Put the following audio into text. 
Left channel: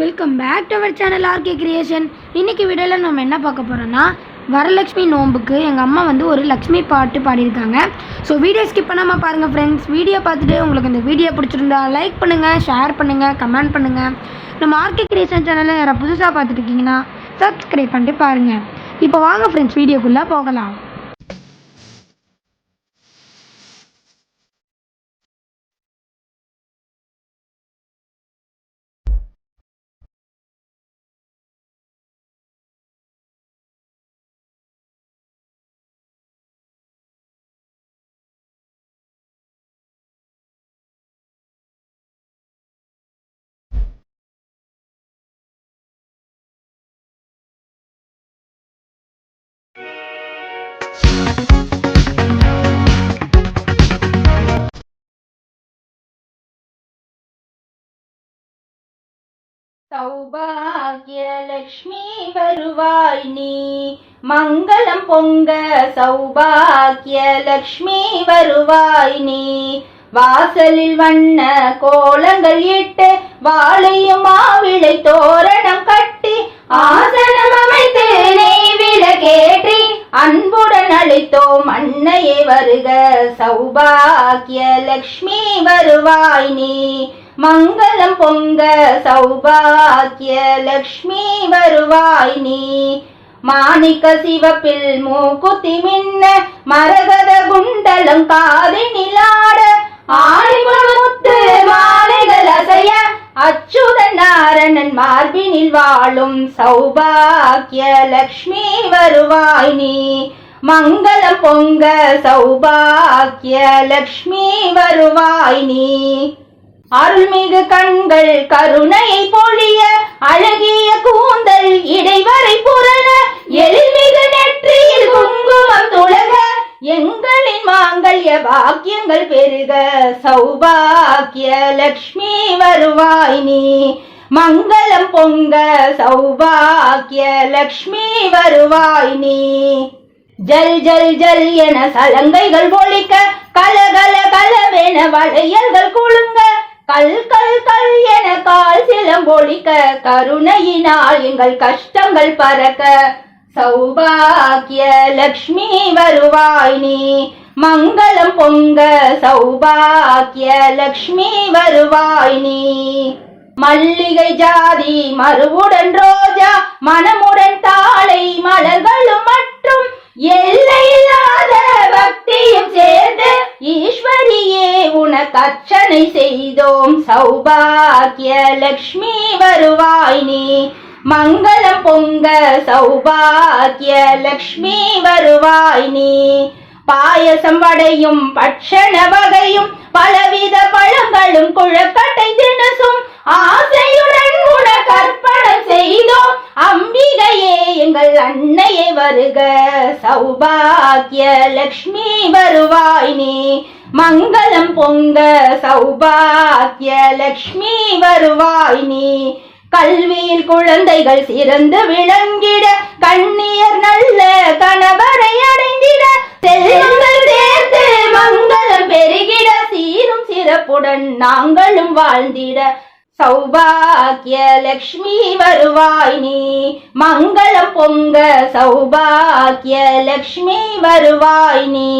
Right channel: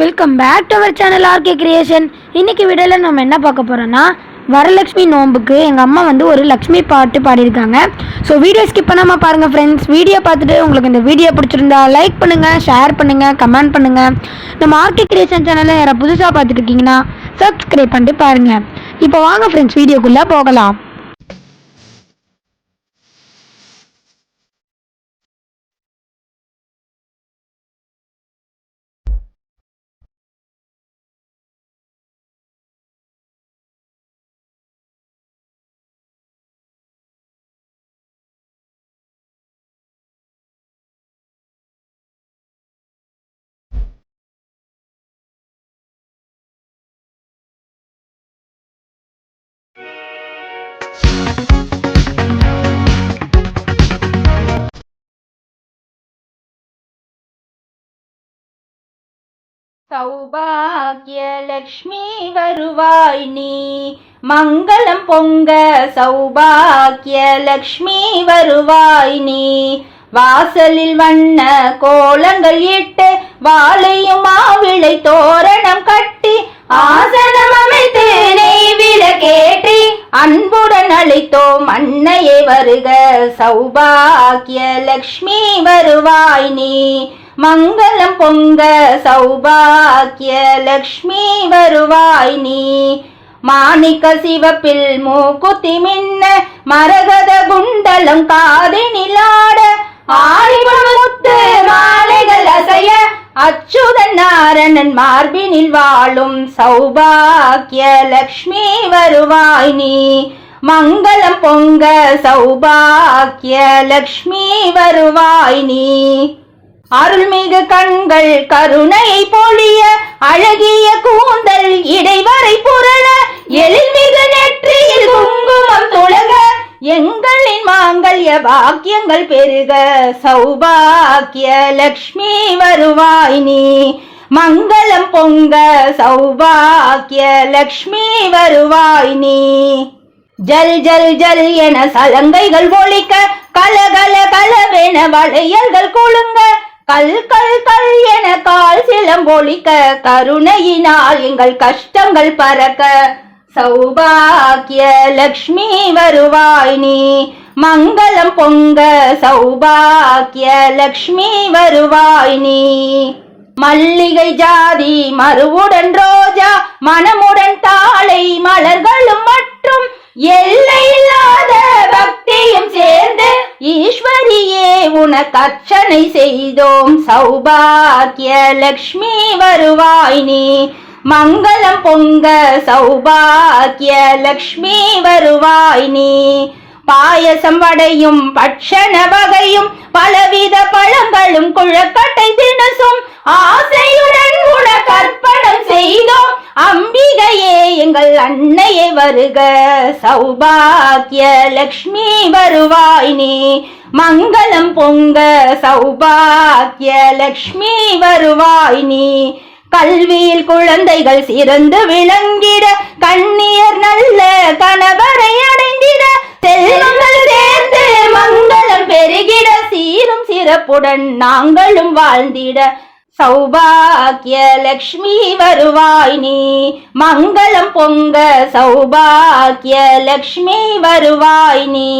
Welcome back to our channel RK creation. இன்றைக்கி வீடியோவில் நம்ம என்ன பார்க்க போகிறோன்னா, வரலட்சுமி நோம்புக்கு எங்கள் அம்மா ஒரு லக்ஷ்மி பாட்டு பாடியிருக்காங்க. ஸோ வீடியோ ஸ்கிப் பண்ணாமல் பாருங்கள் ஃப்ரெண்ட்ஸ். வீடியோ பார்த்துட்டு உங்களுக்கு இந்த வீடியோ பிடிச்சிருந்தா லைக் பண்ணுங்கள், ஷேர் பண்ணுங்கள், கமெண்ட் பண்ணுங்கள். நம்ம ஆர்கே கிரியேஷன் சேனலை யாராவது புதுசாக பார்த்துட்டு இருக்கீங்கன்னா சப்ஸ்கிரைப் பண்ணிட்டு பாருங்கள். இப்போ வாங்க ஃப்ரெண்ட்ஸ், வீடியோக்குள்ளே போகலாம். சௌபாகியலக்ஷ்மி வருவாய் நீ, மங்களம் பொங்க சௌபாகியலக்ஷ்மி வருவாய் நீ. வாசலில் வண்ண கோலங்கள் இட்டு வாழையும் மாவிளை தோரணம் கட்டி ஆசனம் அமைத்து நெய்விட கேட்டி அன்புடன் அழைத்தோம் அன்னையே வருக. சௌபாகியலக்ஷ்மி வருவாய் நீ, மங்களம் பொங்க சௌபாகியலக்ஷ்மி வருவாய் நீ. மாணிக்க சிவப்பில் மூக்குத்தி மின்ன மரகத குண்டலம் காதினில் ஆட ஆடிமுத்து மாலைகள் அசைய அச்சுதன் நாரணன் மார்பினில் வாழும் சௌபாகியலக்ஷ்மி வருவாய் நீ, மங்களம் பொங்க சௌபாகியலக்ஷ்மி வருவாய் நீ. அருள்மிகு கண்கள் கருணை பொழிய அழகிய கூந்தல் இடைவரை புரள எழில்மிகு நெற்றியில் குங்குமம் துளக எங்களின் மாங்கல்ய பாக்கியங்கள் பெருக. சௌபாகியலக்ஷ்மி வருவாய் நீ, மங்களம் பொங்க சௌபாகியலக்ஷ்மி வருவாய் நீ. ஜல் ஜல் ஜல் என சலங்கைகள் ஒலிக்க கலகல கலவென வளையல்கள் குலுங்க கல் கல் கல் என கால் சிலம்பொலிக்க கருணையினால் எங்கள் கஷ்டங்கள் பறக்க. சௌபாகியலக்ஷ்மி வருவாய் நீ, மங்களம் பொங்க சௌபாகியலக்ஷ்மி வருவாய் நீ. மல்லிகை ஜாதி மறுவுடன் ரோஜா மனமுடன் தாளை மலர்களும் மற்றும் எல்லையில்லாத பக்தியும் சேர்ந்து ஈஸ்வரியே உனக்கு அர்ச்சனை செய்தோம். சௌபாகியலக்ஷ்மி வருவாய் நீ, மங்களம் பொங்க சௌபாகியலக்ஷ்மி வருவாய் நீ. பாயசம் வடையும் பட்சண வகையும் பலவித பழங்களும் குழக்கட்டை தினசும் ஆசையுடன் உனக்கு அர்ப்பணம் செய்தோம். அம்பிகையே எங்கள் அன்னையே வருக. சௌபாகியலக்ஷ்மி வருவாய் நீ, மங்களம் பொங்க சௌபாகியலக்ஷ்மி வருவாய் நீ. கல்வியில் குழந்தைகள் சிறந்து விளங்கிட கண்ணியர் நல்ல கணவரை அடைந்திட செல்வங்கள் சேர்ந்து மங்களம் பெருகிட சீரும் சிறப்புடன் நாங்களும் வாழ்ந்திட. சௌபாகியலக்ஷ்மி வருவாய் நீ, மங்களம் பொங்க சௌபாகியலக்ஷ்மி வருவாய் நீ.